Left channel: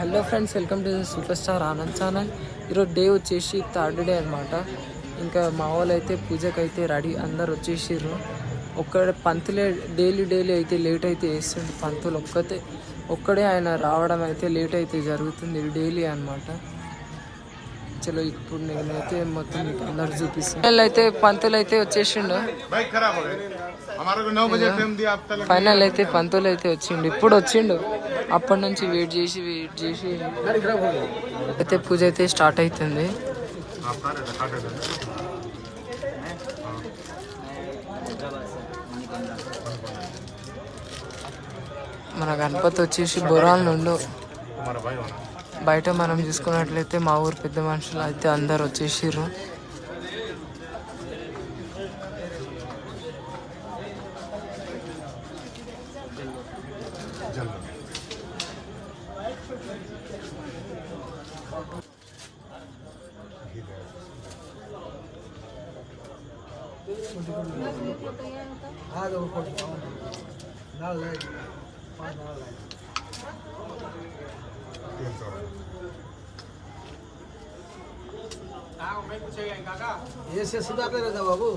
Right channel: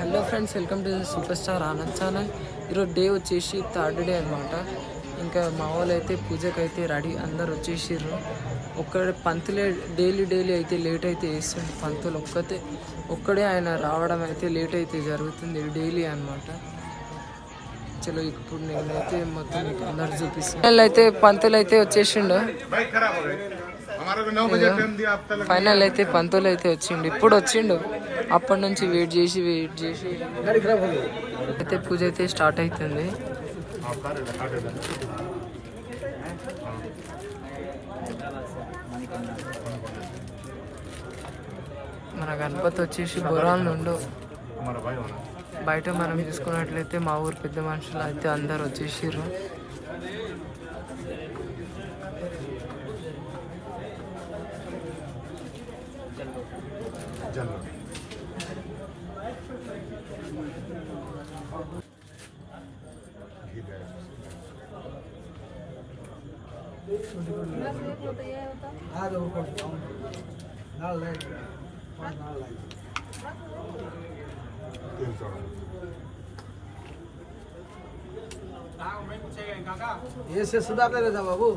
Hello friends, welcome to super star Anand channel. ఈరోజు day వచ్చేసి third day అనమాట. ఇంకా మా వాళ్ళు అయితే పూజకైతే రెడీ అందరు వచ్చేసిర్రు. పంతులే డైలీ అయితే లేట్ అయితే వేస్తుండే. పంతులు ఒక్కడే ఆయన రావడం అయితే లేట్ అయితే జరుగుతుంది డైలీ అనమాట. చలో ఇప్పుడు నేనైతే మొత్తం మీకు అందరు చూపిస్తాను. అయితే పంతులు అయితే వచ్చేసిండు. ఫైనల్ అయితే పంతులు అయితే వచ్చిండు, ఇప్పుడు వచ్చిండు. అప్పటి నుంచి వెయిట్ చేసి అయితే పూజ అయితే స్టార్ట్ అవుతుంది. మన గణపతి వచ్చేసి బొరాల నుండి బయట మనం చూసుకున్నట్లయితే మా ఊరు పెద్ద మనుషులు అయితే అందరు వచ్చేసిర్రు. ऐसे सुधार रहता बाबू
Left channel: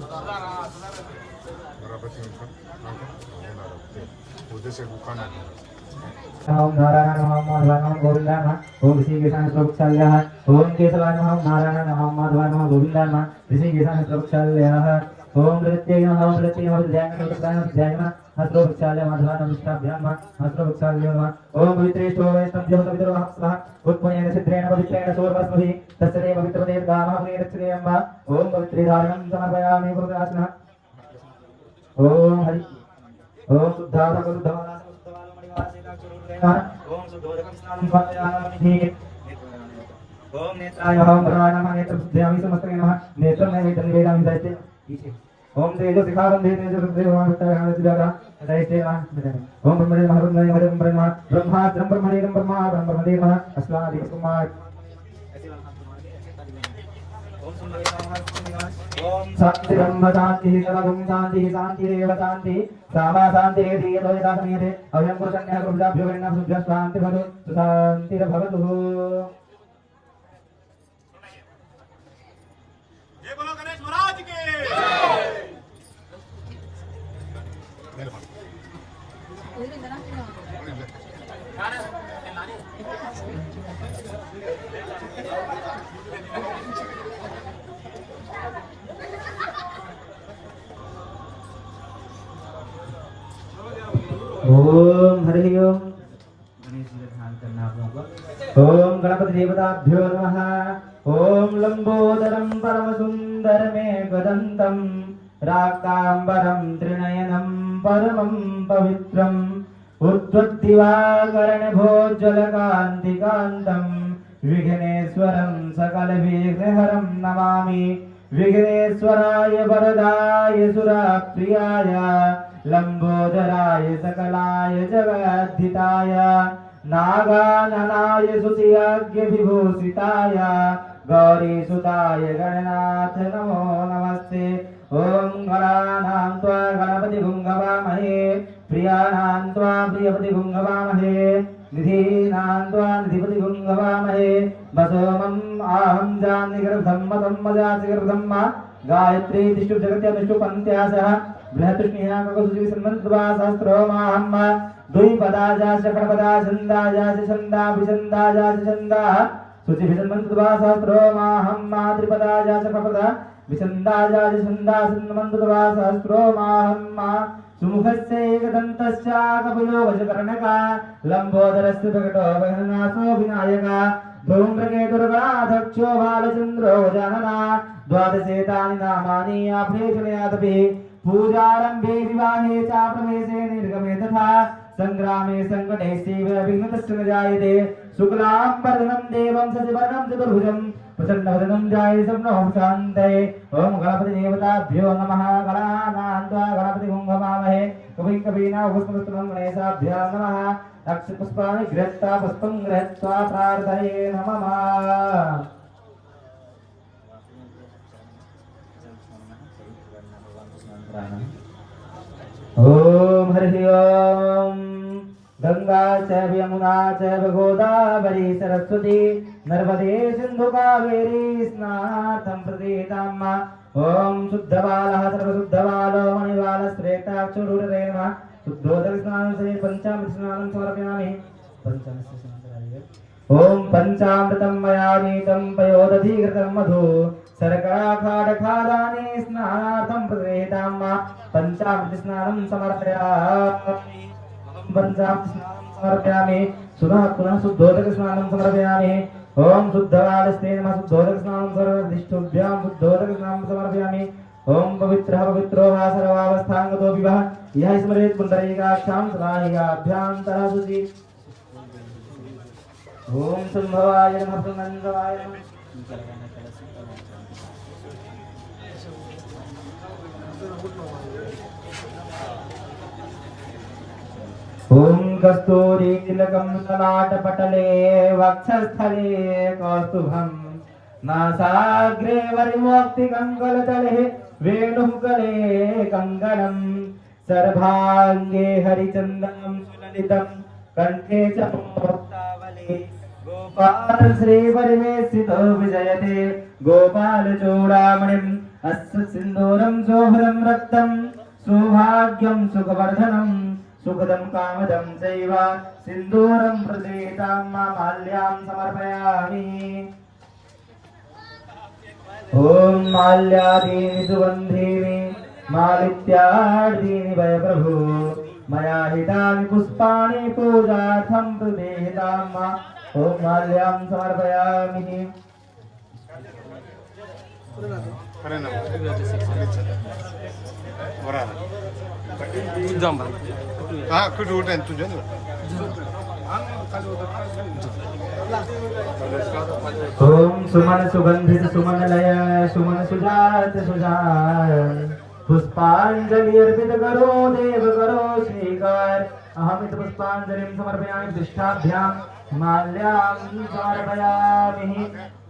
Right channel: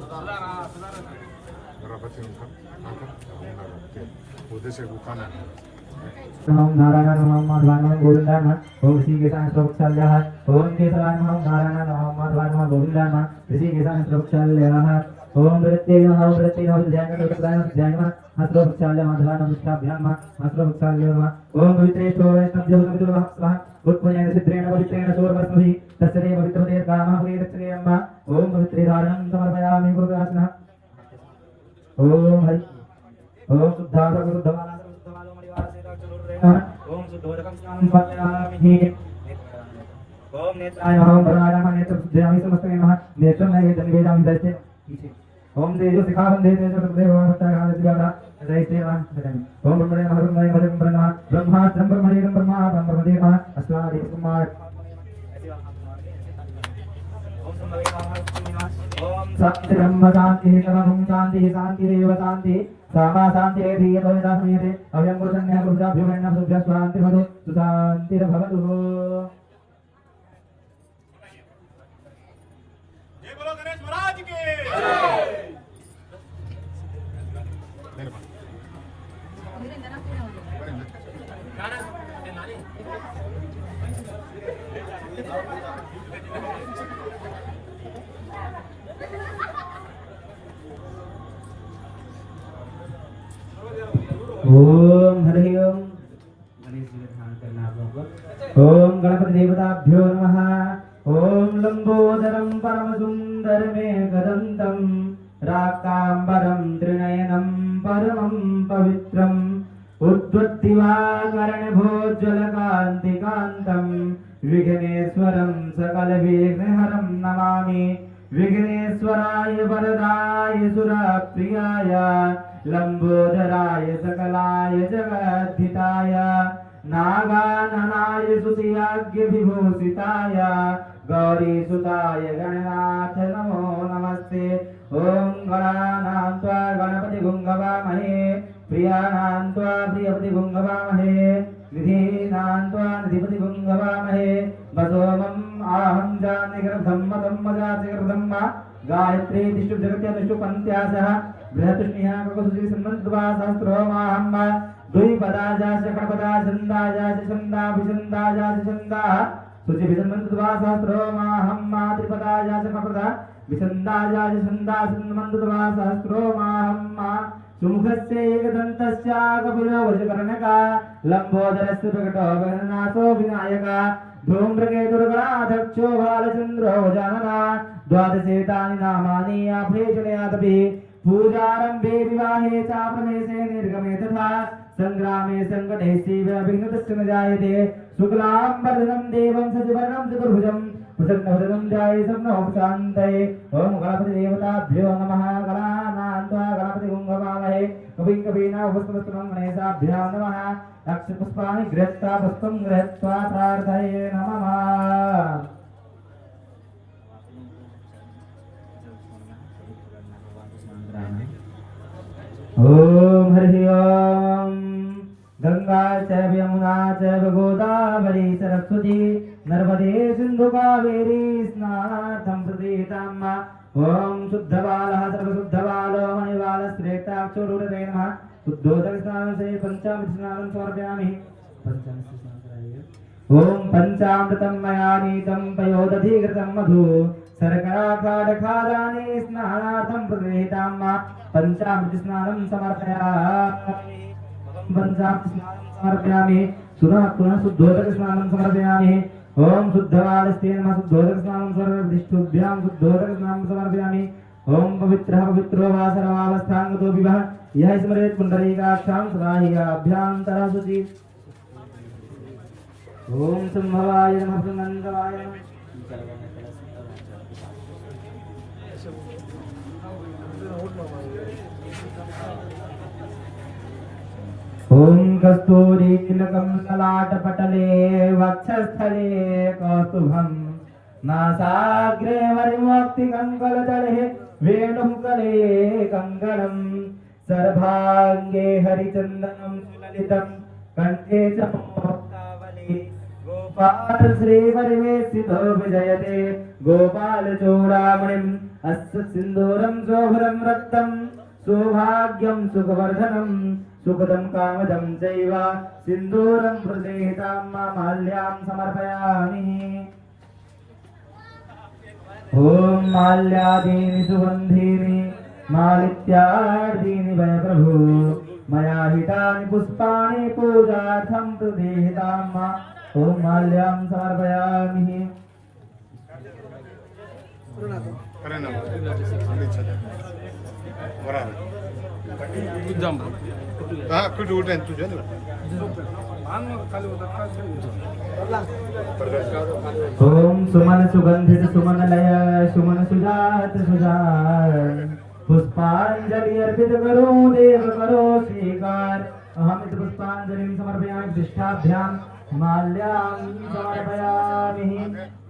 ओम नारायण नमः माधवाय नमः गोविंदाय नमः ओम श्री केशवाय प्रवक्षालयः ओम केशवाय नमः नारायण नमः माधवाय नमः गोविंदाय नमः श्री केशवाय प्रवक्षालयः ओम वृत्ते नमः वृत्ते नमः ध्यान प्रवक्षालय ध्यान हस्रो प्रवक्षालय माधवाय नमः मुष्टाभ्याम हस्रो प्रवक्षालय नमः ओम वित्रे शोभे स्तभ्यो सवितरो नमः उत्पन्नेन सिद्धेन पवित्रेण सोर्वस्पति तस्मै पवित्रते गामः प्रियरक्षणे अम्मा ओम पवित्रे धारणं समर्पयामि गुरुदासनः ओम हरि ओम शुद्धावरः शुद्धवाला ओम शुद्धोदकं स्नानं समर्पयामि ओम नेत्राय ओम भरवाय नमः नेत्रशुद्ध्यामि समस्तके नमः नेत्रं नैवेद्यं वेदामि दैत्य ओम तेजो शिखारं तेजो देवावतारः हरदिवारा दैत्य नमः ओम ब्रह्मणे नमः ब्रह्मास्त्रं ब्रह्मणीरं ब्रह्मदेव नमः अस्वादिक कुमार ओम शांति ब्रह्म शांति सर्वं शांति शांतिरेव शांति सामा शांतिरे धीरोयना समीरे अयं पुरुषन्यः पुरुषाभ्यो गणना सुभ्य शान्तिर्भवतु सुशान्तिर्भवतु जय बोलो गणेश महाराज की ओम हरि ओम गणेश जी ध्यान करना आप लोगों को। ओम गणपति देवताभ्यो नमः ओम लंबोदरं परम सुंदरमेकदन्तं राक्तांबरं त्रिनयनं परमं पवित्रं उद्वत्तिवाकर्णभोज्ज्वलकान्तिकान्तं विघ्नेश्वरं सकलविघ्नहरं नमामि विघ्नेश्वराय वरदाय सुरप्रियाय लंबोदराय सकलाय जगद्धिताय नागाननाय सुतियज्ञ विभूषिताय गौरीसुताय गणनाथ नमो नमस्ते। ओम गणानां त्वा गणपति भुङ्गवामहे प्रियाणां त्वा प्रियपति भुङ्गवामहे निधीनां त्वा निधिपति भुङ्गवामहे वसोमम् आहं जान्निगर्भं मदं मजातिगर्भं गायत्री तिष्ठु जगत्या तिष्ठु पन्त्यासः बृहतुष्णिया ककुसुजि सन्मन्त्वा सहस्रोमाहम् द्विपदाजास्य षड्पदाछन्दाजास्य छन्दाभिछन्दाजास्य छन्दाः शुचिभिसन्मन्त्वा सहस्रोमाहम् त्रिपदाजास्य षड्पदा विछन्दाजास्य छन्दासन्मन्त्वा सहस्रोमाहम् सुमुखस्य एकदन्तस्य कपिलो गजकर्णका लम्बोदरस्य प्रकटो वहननाथो विनायका धूम्रकेतुर्गणाध्यक्षो बालचन्द्रो गजानना द्वादशेतानि नामानि आप्रेषणयादपि पूजारम्भे विवाहे च प्रवेशे निर्गमे तथा संग्रामे संकटे सेव विघ्नतस्य न जायते शुक्लाम्बरधरं देवं शशिवर्णं चतुर्भुजं प्रसन्नवदनं ध्याये सर्वं शान्तये। ओम गणपति देवताभ्यो नमः गणानां त्वा गणपति भुङ्गवामहे कविं कवीना पुष्पस्तुतं गणेशाभ्यो नमः अक्षपुष्पाणि गृहीत्वा पुष्पं गृहीत्वा प्रार्थये नमः। ओम हरि ओम गंगा चैव यमुना चैव गोदावरी सरस्वती नर्मदे सिंधु कावेरी स्नानार्थं प्रतीताम् ओम शुद्धबालः सर्वशुद्धबालो मणिबालश्रेष्ठाक्षुरुरे नमः शुद्धोदकस्नानं से पंचामृत स्नानं समर्पयामि ओम पंचामृतं मया नीतं पयोदधिकृतं मधु शर्कराखाडखादाने स्नानार्थं प्रतीताम् पंचामृत स्नानं समर्पयामि पंचामृत स्नानं समर्पयामि पुनः शुद्धोदक स्नानं समर्पयामि ओम शुद्धबालस्ते नमः शुद्धोदक स्नानं सर्वदिष्टुभ्यां शुद्धोदक स्नानं समर्पयामि ओम पवित्रः पवित्रो वा सर्वावस्थांगतो विवः यः स्मरेत् पुण्डरीकाक्षां समाहियाभ्यां तरसुति ओम संभवाय नमः सुनंदवाय ओम कस्तूरी तिलकं ललाटपटले वक्षस्थले कौस्तुभं नासाग्रे वरिमोक्ति कंकलतले वेणुगले कंकणं सर्वांगे हरिचन्दनं सुललितं कंठे च मुक्तावली गोपाल श्री परिवेशितो विजयते गोपाल चूडामणिम् अस्य सिन्दूरं शोभनं रक्तं सौभाग्यं सुखवर्धनं सुखदं कामदं चैव सिन्दूरं प्रदेहितां माल्यां समर्पयामि ॐ माल्यादीनि सुगन्धीनि मालित्यादीनि वै प्रभु मया हितानि पुष्पाणि पूजार्थं प्रदेहितां ॐ माल्यां समर्पयामि कुठे उठेन तुझ्या ओम सुमन सुगंधित सुमन लय सुमन सुजात सुजान पुष्पांजलि अर्पित करो देव करो श्रीकार अहमित पुष्पांजलिं समर्पयामि प्रतिष्ठाभ्यां माल्यां समर्पयामि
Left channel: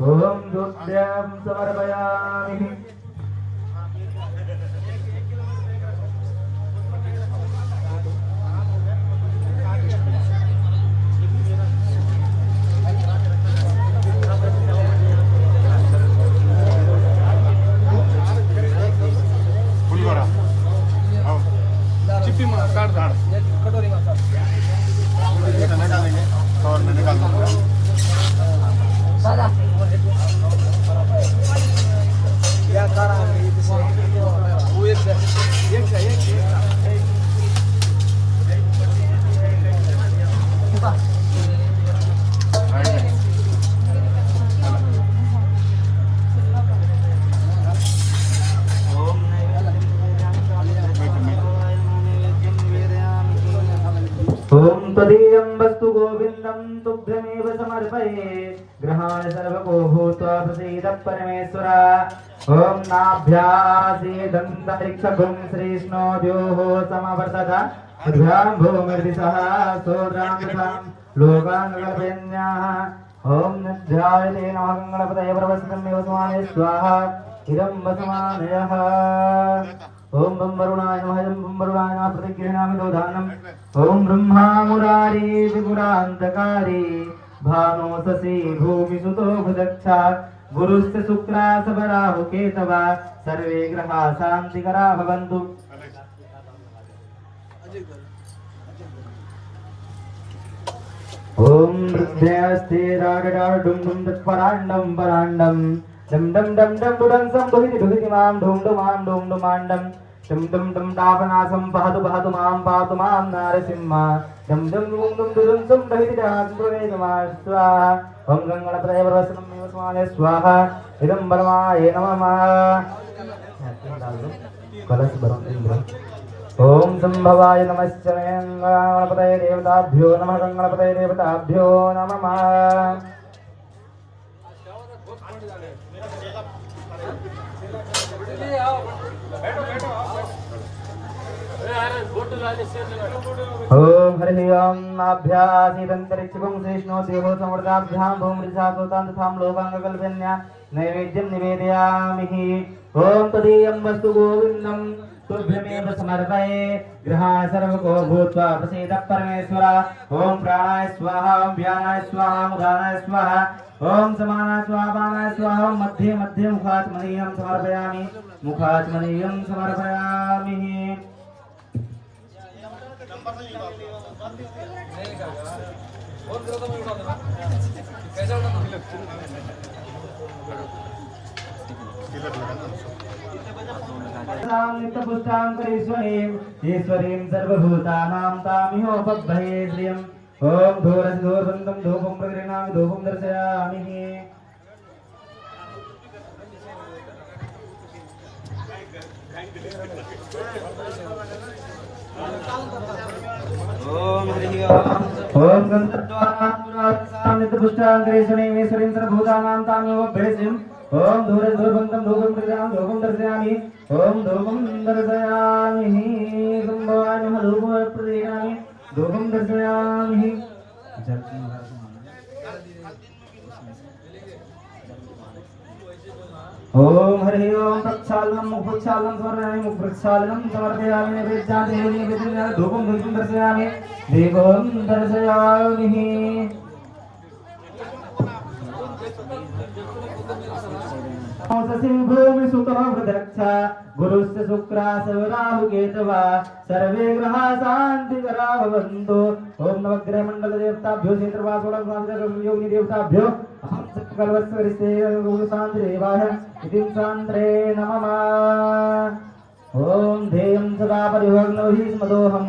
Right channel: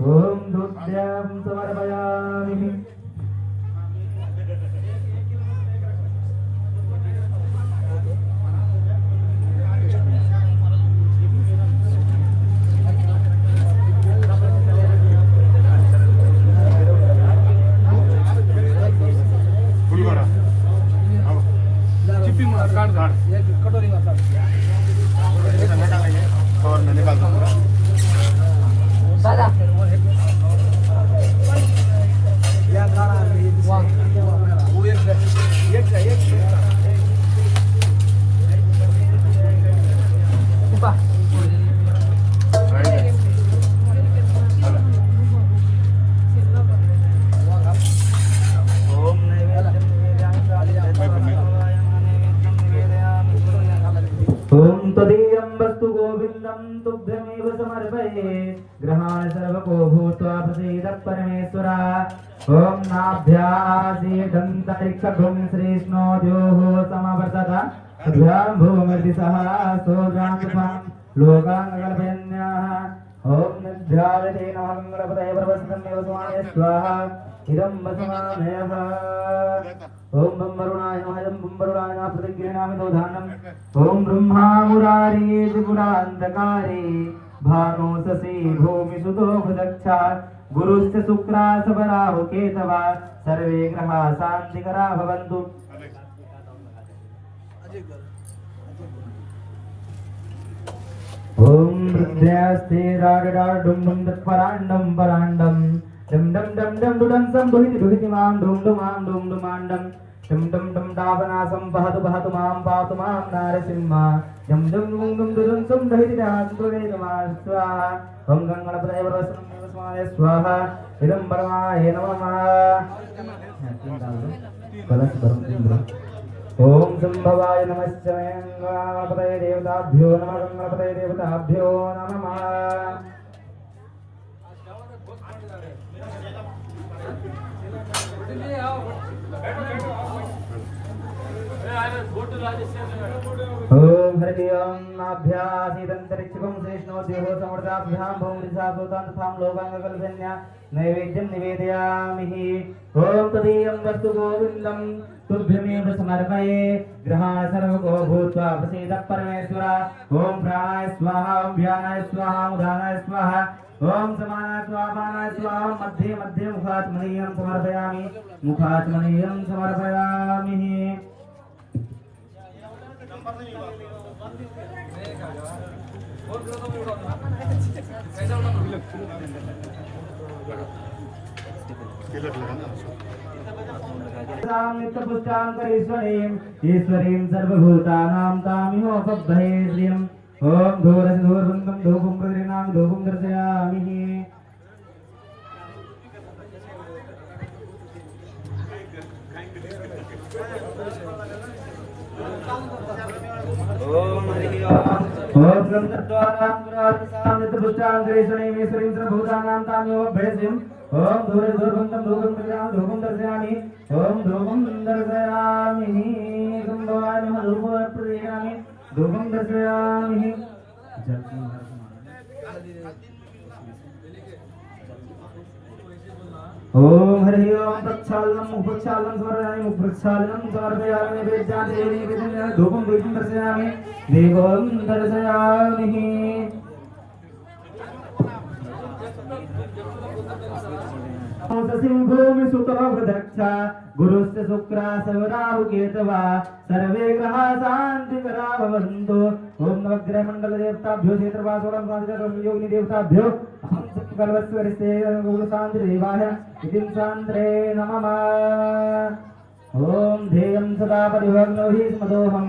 ओम दुर्भ्यां समर्पयामि चिप्पी मार काट झाड़ एक कटोरी में काट और मैं निकाल दूंगा या कारा वो एक ओम तदीयं वस्तु गोविंदं तुभ्यमेव समर्पये ग्रहाण सर्वको भूत्वा प्रसीद परमेश्वर ओम नाभ्यासीदन्तरिक्षभुं श्रीष्णो द्योः समवर्तत अभ्यां भूमिर्दिशः सोग्रां तथा लोकाङ्गकल्पयन्याः ओम निध्यायते नमः गङ्गणपतये प्रवसितमेव स्वाहे स्वाहा इदं वसमानयः ओम बम वरुणाय नमः ओम बम वरुणाय नमः प्रतिगृह्णामि दौधानम् ओम ब्रह्मा मुरारी विपुरान्धकारी भानो ससी भूमिसुतो भुदक्षा गुरुश्च शुक्रास वराहु केतवा सर्वे ग्रहा शान्तिकरा भवन्तु ओम हृदयस्थे रागडाडुं डुं तत्पराण्डं पराण्डं डम डम डम डम डुडं संभुति दुहिति मां ढुं डुमां ढुं डुमाण्डं डम डम डम डापनासं पहतु मां पातु मां नारसिंह डम डम डुं डुं डुं संभुति दासुवेद मां स्वाहा ओम गंगणपतये प्रवसनं स्वाहा स्वाहा इदं परमाय नमः कलश भरं ओम संभवाय नमश्चये गणपतये देवताभ्यो नमः गंगणपतये देवताभ्यो नमः ओम हरि ओम नाभ्यासीदन्तरिक्षभुं श्रीष्णो द्योः समृताभ्यां भूमिर्जातोतां तथां लोकाङ्गकल्पन्या नैवेद्यं निवेदयामि ओम तदीयं वस्तु गोविन्दं तुभ्यमेव समर्पये ग्रहाण सर्वको भूत्वा प्रसीद परमेश्वर ओम प्राणाय स्वाहा ओम व्यानाय स्वाहा उदानाय स्वाहा ओम समानाय स्वाहा पानाय स्वाहा ओम मध्ये मध्ये मुखात्मनीयं समर्पयामि मुखात्मनीयं समर्पयामि तिलक लगाना नित्यपुष्टां करेश्वरीं ईश्वरीं सर्वभूतानां ताम्योपभयेद्रियम् ओम धूरधूर्वन्तं धूपं प्रगृह्णामि धूपं दर्शयामि ओम हरि ओम गंधद्वारां पुराणसां नित्यपुष्टां करेश्वरीं ईश्वरीं सर्वभूतानां ताम्योपभयेद्रियम् ओम धूरधूर्वन्तं धूपं प्रगृह्णामि धूपं दर्शयामि ओम धूपं दर्शयामि कुंभवाय नमः धूपं प्रदीयामि धूपं दर्शयामि जल 3 बार समाना ओम हरि ओम तत्सालनं मुखप्रक्षालनं समर्पयामि मुखप्रक्षालनं समर्पयामि नैवेद्यां देवनी नैवेद्यां धूपं दर्शयामि देवं दर्शयामि भूमि सुतोपदक्षा गुरुस्य शुक्रा सवराहु केतवा सर्वे ग्रहा शांतिकरा भवन्तु ओम नवग्रह मंडल देवताभ्यो क्षेत्रवासोडं योगिनी देवताभ्यो अहं सत्कल्पस्वरिष्ठे शान्तिरेवाय इतिं शान्त्रे नमः ओम ध्येयं सदा परिभग्नो हि स्मदोहं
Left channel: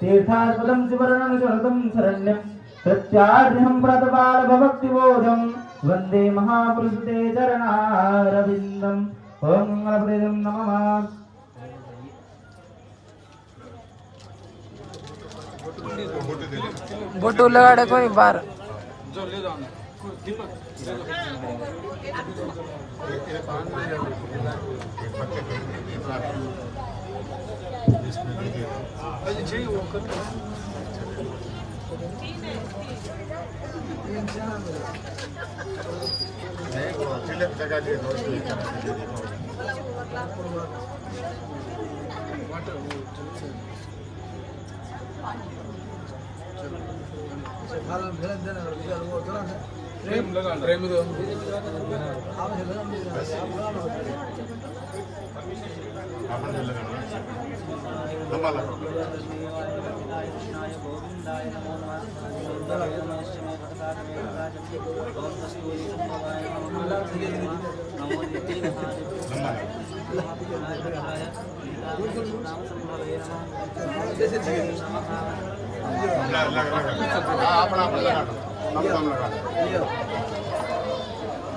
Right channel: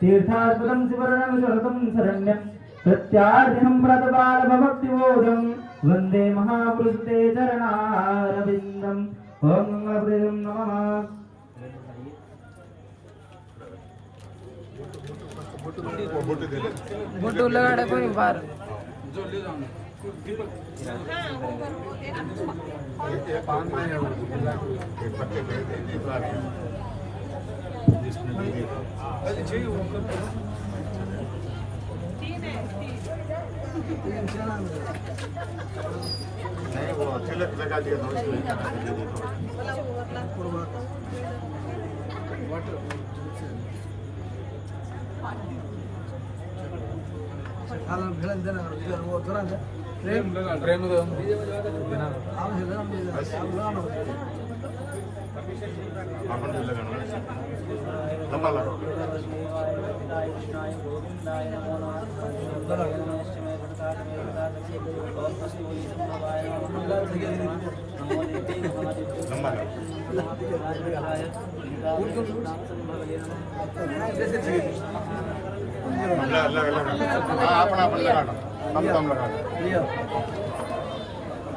तीर्थास्पदं शिवरणं शरणं शरण्यं प्रत्यार्यं प्रतपाल भक्तिबोधं वंदे महापुरुषते चरणारविंदम ओम मंगलप्रदं नमः बोटे दे बोटू लगाड़े कोई बार जो ले जाओ ये पान में जो एक पत्ते दे दे तो आप इसमें दे दो जी वो कर नहीं वो तिलक लगा दिया तो इसमें प्रेम लगा प्रेम दे अपन लगाना लंबा लगा कृष्णाय गोविंदाय नमो नमः गोविंदाय नमः यस्मै प्रकाशमे प्रकाशमे ओम कस्तूरी संभवाय नमः नमो नित्ये महादेव लंबा लगा महापुरुषाय विग्रहाय नाम संभवे नमः लगा हां अपन अपन लगाना हम कम लगाना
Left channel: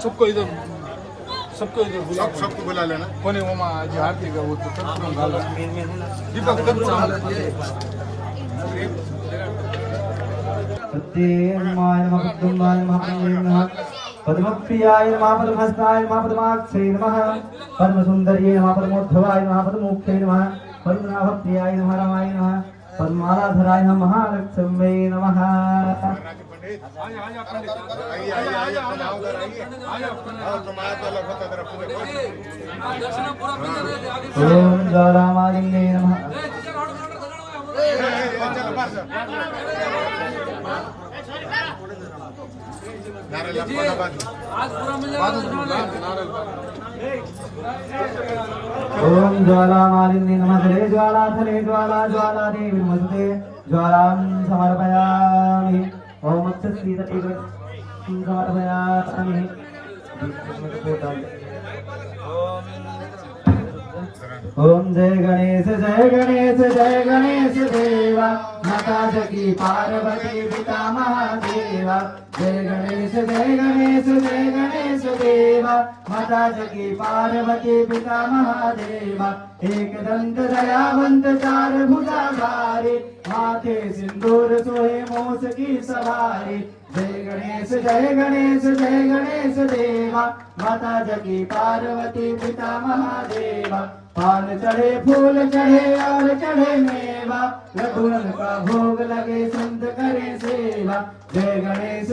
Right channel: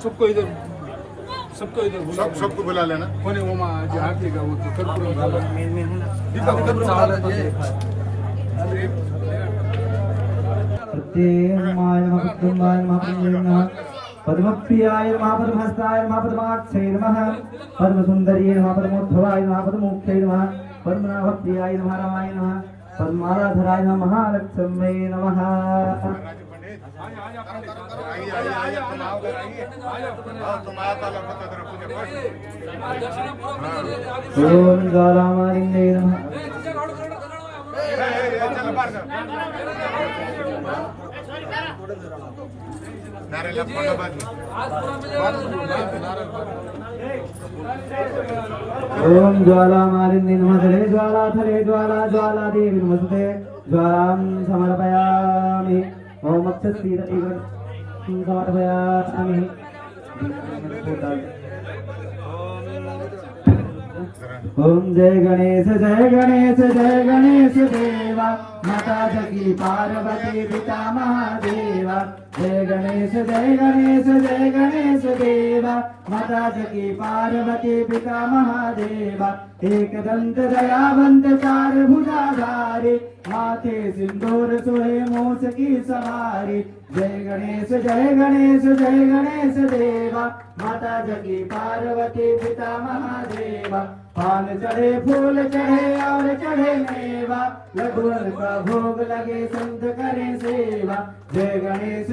सबको इधर सबको बुला लेना कोने वो मां जो आरती का वो तो सबको मेन है ना दीपक उधर सत्येमाय नमः कुटुम्बाय नमः पद्मप्रियाय नमः पद्महस्ताय नमः पद्माक्षये नमः पद्मसुन्दर्ये नमः पद्मोद्धवाय नमः पद्मोक्तये नमः पद्मनाभप्रियाय नमः रामाय नमः पद्माराधनाय नमः महालक्ष्म्यै नमः आइए तुम आओ उधर आइए हां तुम आया तो लगता है तरफ पूरे ओम ज्वालामालिन्ये नमः चल बाहर से नारे लपटा बाद ओम ज्वालामालिन्ये नमः धरे ज्वाला ज्वाला देवी नमस्ते ज्वालां समर्पयामि ओम अक्षस्रीदति समर्पयामि ओम जय गणेश देवा माता जगी पार्वती पिता महादेवा जय गणेश देवा माता जगी पार्वती पिता महादेवा एक दंत दयावंत चार भुजाधारी माथे सिंदूर सोहे मूस की सवारी जय गणेश देवा माता जगी पार्वती पिता महादेवा पान चढ़े फूल चढ़े और चढ़े मेवा लड्डून का भोग लगे संत करे सेवा जय गणेश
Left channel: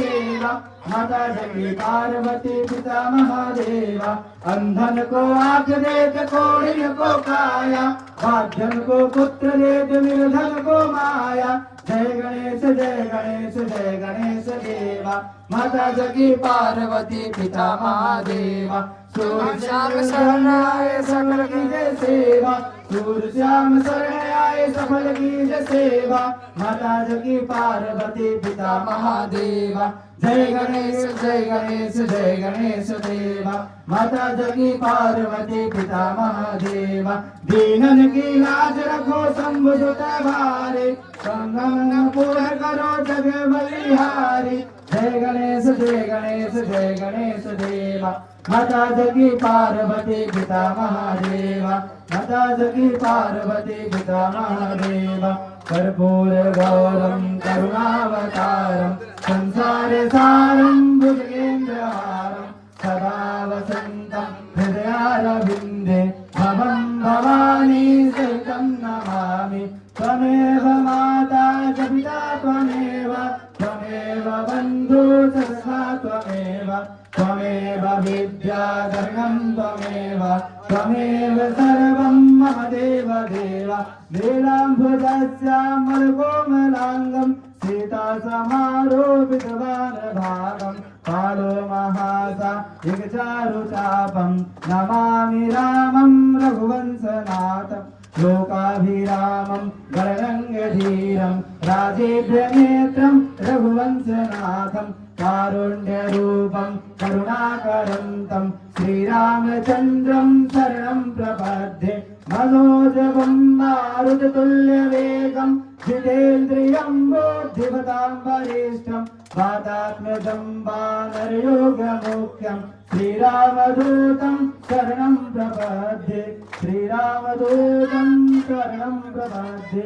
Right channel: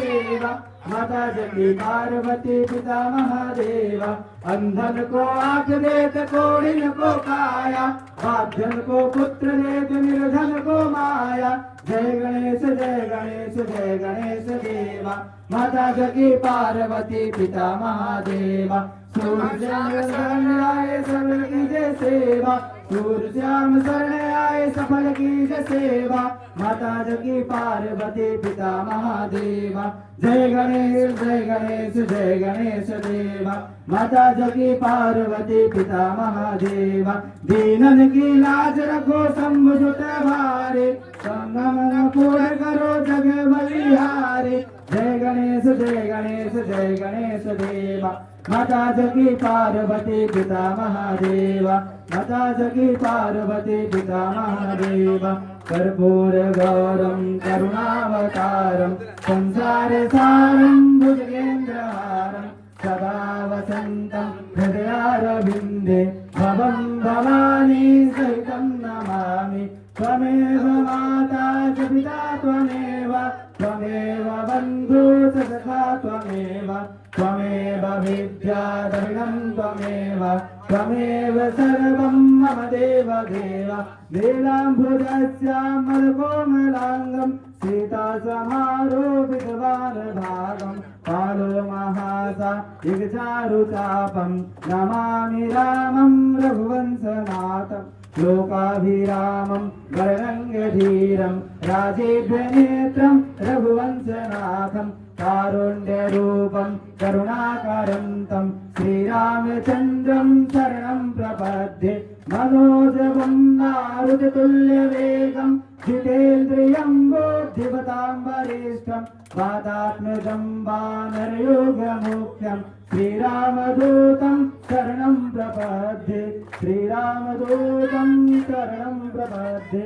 देवा माता जगी पार्वती पिता महादेव। अंधन को आंख देत कोढ़िन को काया, बाध्यन को पुत्र देत निर्धन को माया। जय गणेश जय गणेश जय गणेश देवा, माता जगी पार्वती पिता महादेव। सूर्य श्याम शरण आए सकल कीजे सेवा, सूर्य श्याम शरण आए सफल कीजे सेवा। माता जगी पार्वती पिता महादेवा। जय गणेश जय गणेश जय गणेश देवा, माता जगी पार्वती पिता महादेवा। दीनन की लाज रखो शंभु सुत भारे, संगम पूर्ण करो जग बलिहारे। जय गणेश जय गणेश जय गणेश देवा, माता जगी पार्वती पिता महादेवा। माता जगी पार्वती पिता महादेवा। कर्पूर गौरम करुणावतारम, संसार सारम भुजगेन्द्रहारम। सदा वसंतम हृदयारविंदे, भवं भवानी सहितं नमामि। त्वमेव माता च पिता त्वमेव, त्वमेव बन्धु च सखा त्वमेव। त्वमेव विद्या धनं त्वमेव, त्वमेव सर्वं मम देव देव। नीलाम्बुजस्यामलकोमलाङ्गं, सीतासमारोपितवानभागं। पालो महासा युगचारुचापं, नमामि रामं रघुवंशनाथं। लोकाभिरामं गणगङ्गधीरं, राजेन्द्रनेत्रं रघुवंशनाथं। कारुण्यरूपं करुणाकरन्तं, श्रीरामचन्द्रं शरणं प्रपद्ये। मनोजवं मारुततुल्यवेगं, जितेन्द्रियं बुद्धिमतां वरिष्ठं। वातात्मजं वानरयोगमुख्यं, श्रीरामदूतं शरणं प्रपद्ये। श्रीरामदूतं शरणं प्रपद्ये।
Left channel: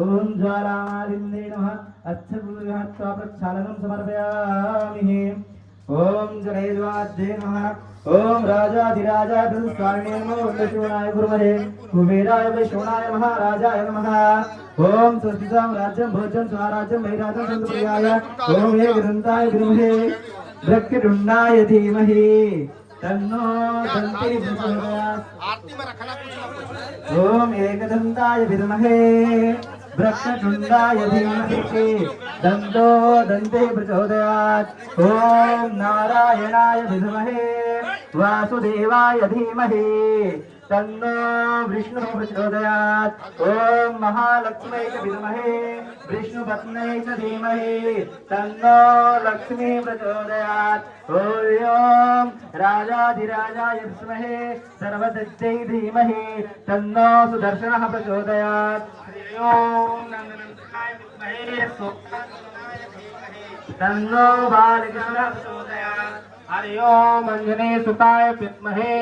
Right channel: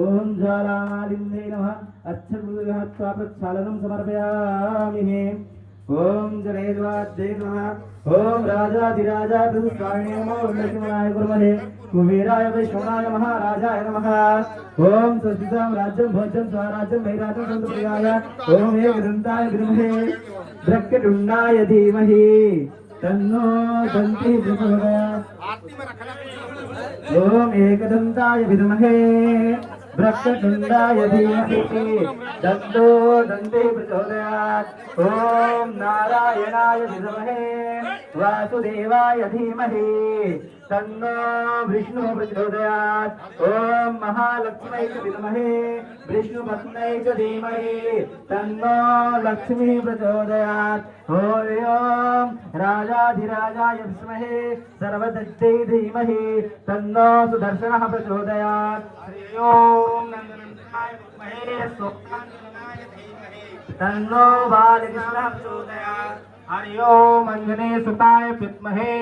ओम ज्वालामालिन्ये नमः। अच्छगुरुहत्वा प्रक्षालनं समर्पयामि। ओम जनेद्वाद्ये नमः। ओम राजाधिराजाय प्रसन्नाय नमः। ओम विष्णुनाय गुरुमहे कुबेराय वैष्णवाय महाराजाय नमः। ओम स्वस्तितां राज्यं भोज्यं स्वराज्यं वैराज्यं सुप्रियाय। ओम एकदन्ताय विद्महे वक्रतुण्डाय धीमहि तन्नो दन्ति प्रचोदयात्। ओम एकदन्ताय विद्महे वक्रतुण्डाय धीमहि तन्नो दन्ति प्रचोदयात्। ओम नारायणाय विद्महे वासुदेवाय धीमहि तन्नो विष्णु प्रचोदयात्। ओम महालक्ष्मै च विद्महे विष्णुपत्न्यै च धीमहि तन्नो लक्ष्मी प्रचोदयात्। ओम राजाधिराजाय विद्महे सर्वदत्तै धीमहि तन्नो सुदर्शनः प्रचोदयात्। ओम नन्दनन्दनाय विद्महे सोपानवनाय धीमहि तन्नो बालकृष्णः प्रचोदयात्। हरि ओम अंजनी सुताय विद्महे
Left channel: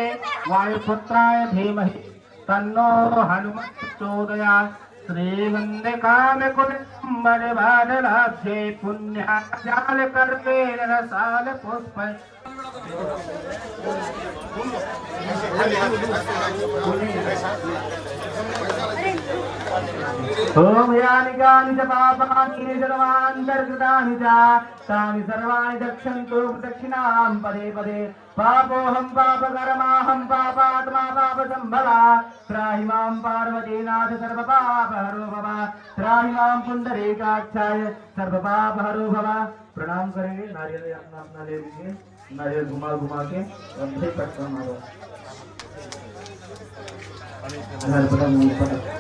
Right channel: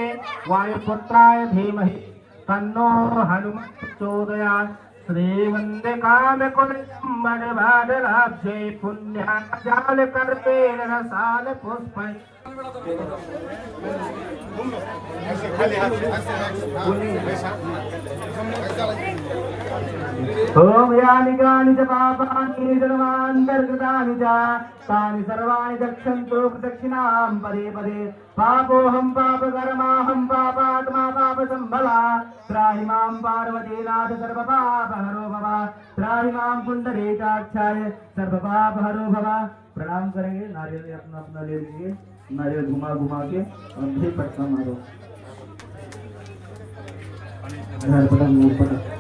वायुपुत्राय धीमहि तन्नो हनुमत् प्रचोदयात्। श्रीवन्दे कामकुलिम्बरभारलाभ्ये पुण्याजालकर्पेण रसालपुष्पै। ओम यानि कानि च पापानि सर्वान्तर्गतानि च तानि सर्वाणि दक्षन्तु प्रदक्षिणां पदे पदे। पापोऽहं पापकर्माहं पापात्मा पापसम्भवा। त्राहि मां पार्वतीनाथ सर्वपापहरो भव। त्राहि मां पुण्डरीकाक्षाय सर्वपापहरो भव। प्रणाम करेंगे। नारियल अपना अपना ले लीजिए। नारियल घुमा घुमा के फिर पटका मारो।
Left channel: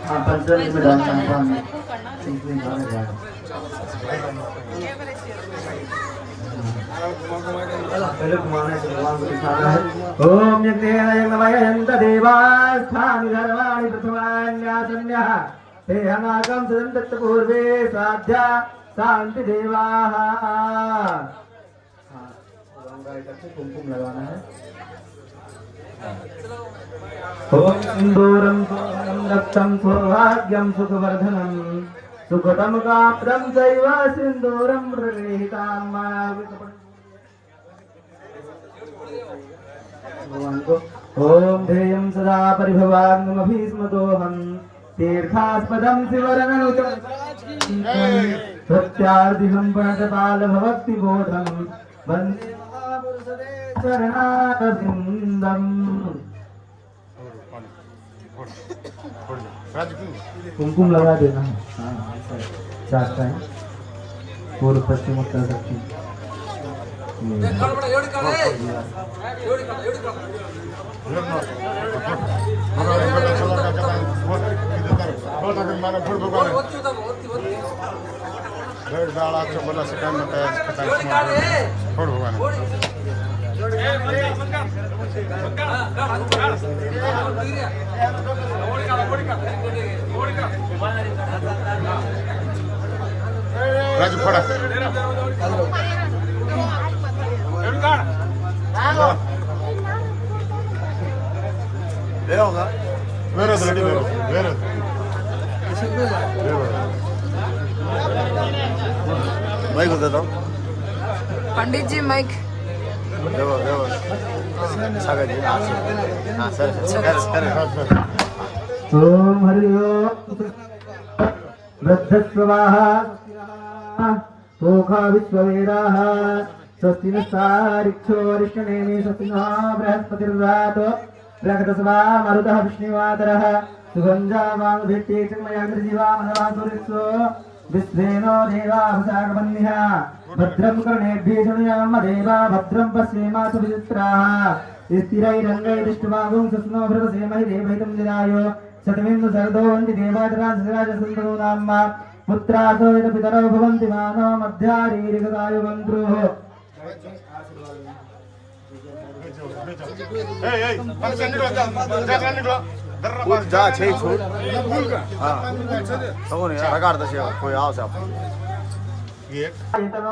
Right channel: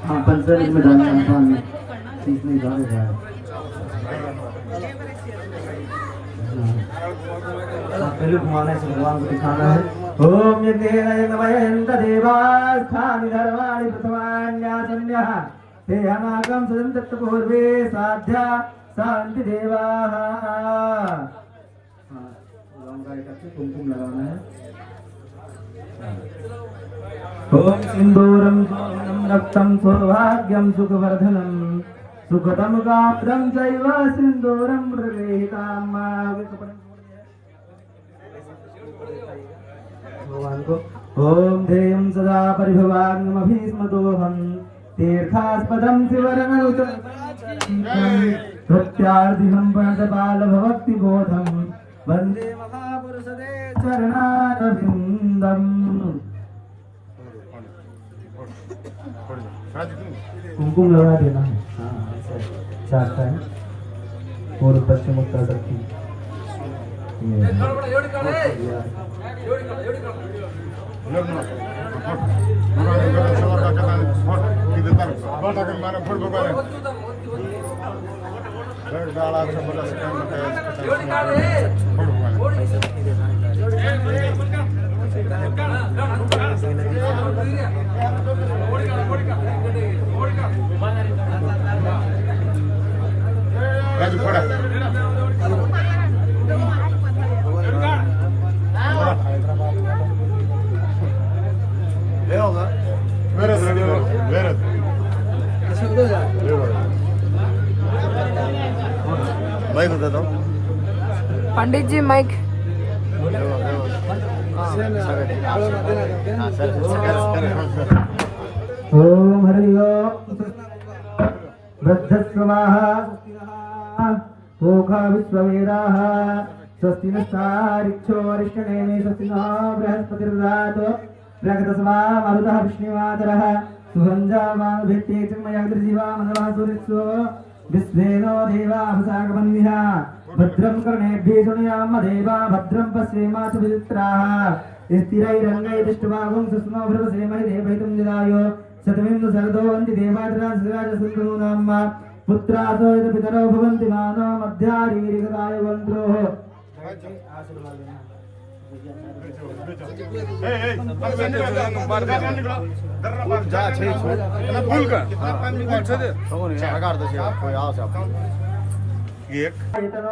हाँ 15 मिनट में डालना है पानी इसमें डाल जाए। पहले घुमाने से भगवान को दिखाना है। ओम यज्ञेन यज्ञमयन्त देवास्थानि धर्माणि प्रथमान्यासन्यः ते हमाकं सदन्तत् पूर्वे साध्या शांति देवाः। हाँ गंगा करके कुमकुम लगाना है। ओम सिंदूरं रक्तं सौभाग्यं सुखवर्धनं सुखदं कामदं चैव सिंदूरं प्रगृहीतां भगवान को। ओम ध्येयं सदा परिभवाग्नमभीष्मदोहं तीर्थास्पदं शिवरननुतं प्रत्यार्थिकं प्रणतपालभक्तिबोधं वन्दे महापुरुषते चरणारविन्दम् कुमकुम लगा देना। हाँ, 4 टाइम पूर्व पश्चिम उत्तर दक्षिण। राजू फोड़ा बाइक होता था पंडित जी माइक ओम हरि ओम वृद्धस्वाः ओघा विश्ववेदाः स्वस्ति नस्तारिक्षो वरिष्ठनेमि स्वस्ति नो बृहस्पतिर्रातो प्रकटसवा मरुतः विष्णुवादरः सुगन्धावाङ्भित्ते चिन्मयाग्रजीवा मनवासुरित्सो विश्वेनो देवाभसागबन्धिः भद्रं कर्णेभ्यः शृणुयाम देवा भद्रं पश्येमासुविचित्राः स्थिरैरङ्गैः दृष्ट्वागुं सस्नो भृतसेमहि देवहितं दिनायो सतमिन्दु सर्दो वन्ति देवादराजसुन्दरो नाम पुत्रासो यत पितरो भवन्ति मानो मध्यारीरिकराय वन्त्रोः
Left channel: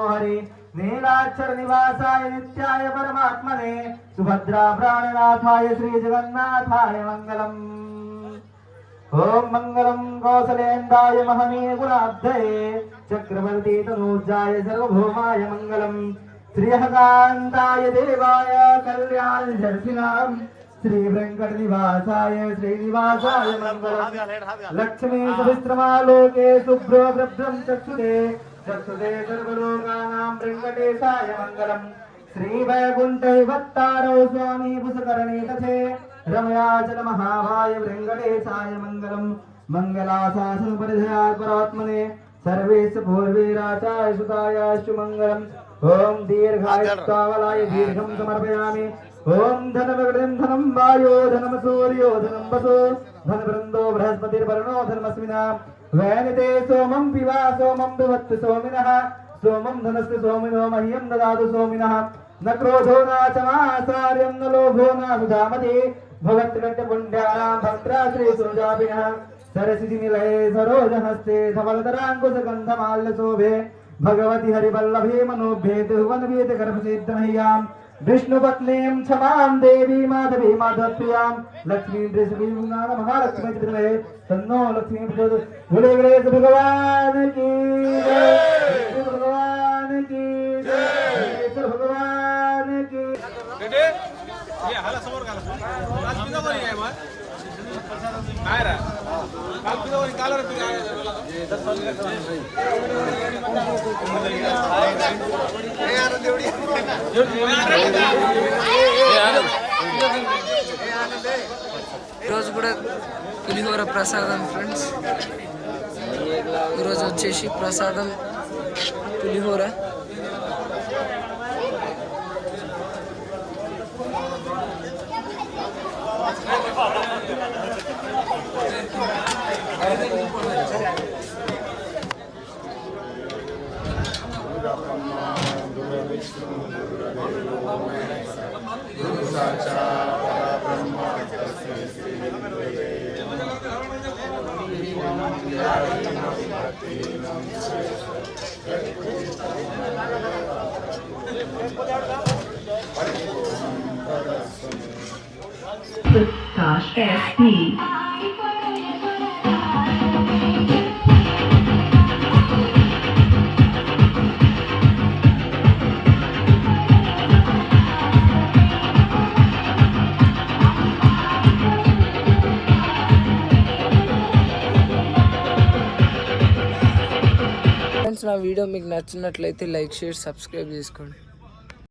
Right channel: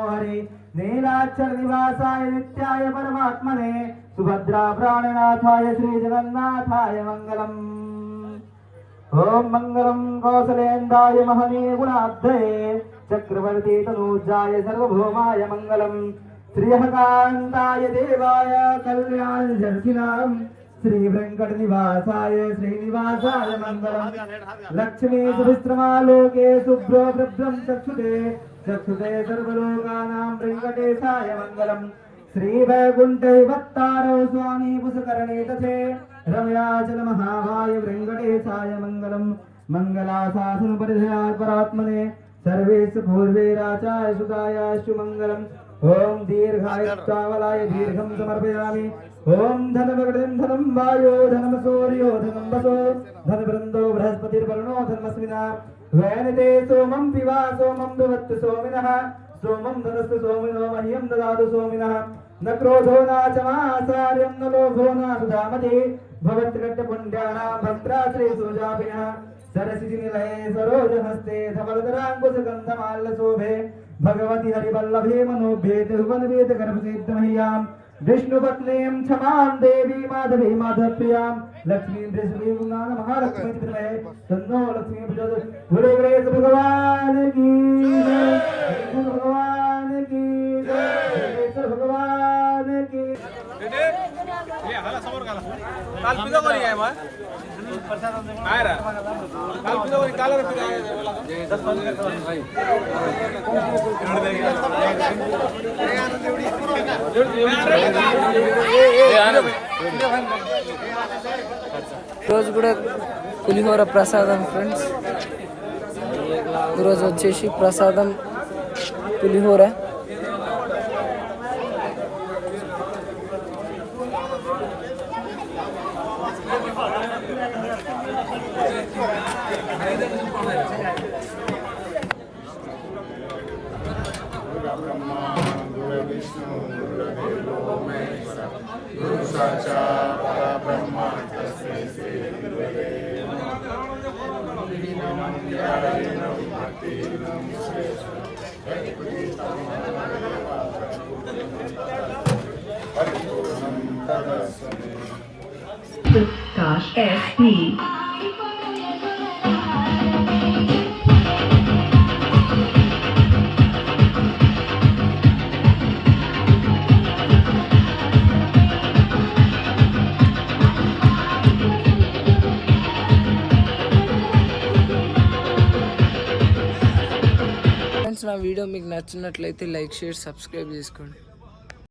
हरि नीलाक्षर निवासाय नित्याय परमात्मने सुभद्रा प्राणनाथाय श्री जगन्नाथाय मंगलम्। ओम मंगलम कौसलेन्द्राय महनीय गुणाब्धये चक्रवर्ती तनूजाय सर्वभौमाय मंगलम श्रीहकान्ताय देवाय कल्याण जर्सिनाम श्री वेंकट निवासाय श्रीनिवासाय मंगलम लक्ष्मी सहस्रमालोके शुभ्रो भद्रं चक्षुते चक्षुते सर्वलोकानां वेंकटेशाय मंगलम श्री वैकुंठे वत्तारो स्वामी पुष्करणे तथे रमयाचल महाभाय वेंकटेशाय मंगलम मंगलाशासन परिधया परात्मने सर्वेश पूर्वे राचाय सुतायाश्च मंगलम ओम दीर्घायुष्कावलाय दीर्घं समर्पयामि ओम धनमग्रं धनं वायो धनं सूर्यो धनं वसो धनवृन्दो बृहस्पतिर्वरुणो धनमस्मिना वैनते सोमं पिबा सोमं पिबत्तु सोमिनः सोमं धनस्य सोमिनो मह्यं ददातु सोमिनः न क्रोधो नाचमाचार्यं न लोभो न सुधामति भगवत्कट्टपुण्ड्यानां भक्त्राश्री सुजापिनः सरसिनिलये सरोजहस्ते धवलधराङ्कुशगन्धमाल्यशोभे भगवति हरिवल्लभे मनोभे त्रिभुवनवेद गर्भसिद्धमह्यां विष्णुपत्नीं क्षमां देवी माधवी माधवप्रियां लक्ष्मीं वृषभीं महालक्ष्मी त्रिनये तन्नो लक्ष्मी प्रचोदयात्। गुरु गणेश भगवान की जय, भगवान की जय, भगवान की ఈరోజు కూడా పులిహోర ప్రసాదం ఫ్రెండ్స్. ఈరోజు వచ్చేసి ప్రసాదం పులిహోర. Gosh, SP. ఫ్రెండ్స్, నా వీడియో మీకు నచ్చినట్లయితే లైక్, షేర్, సబ్స్క్రైబ్ చేసుకోండి.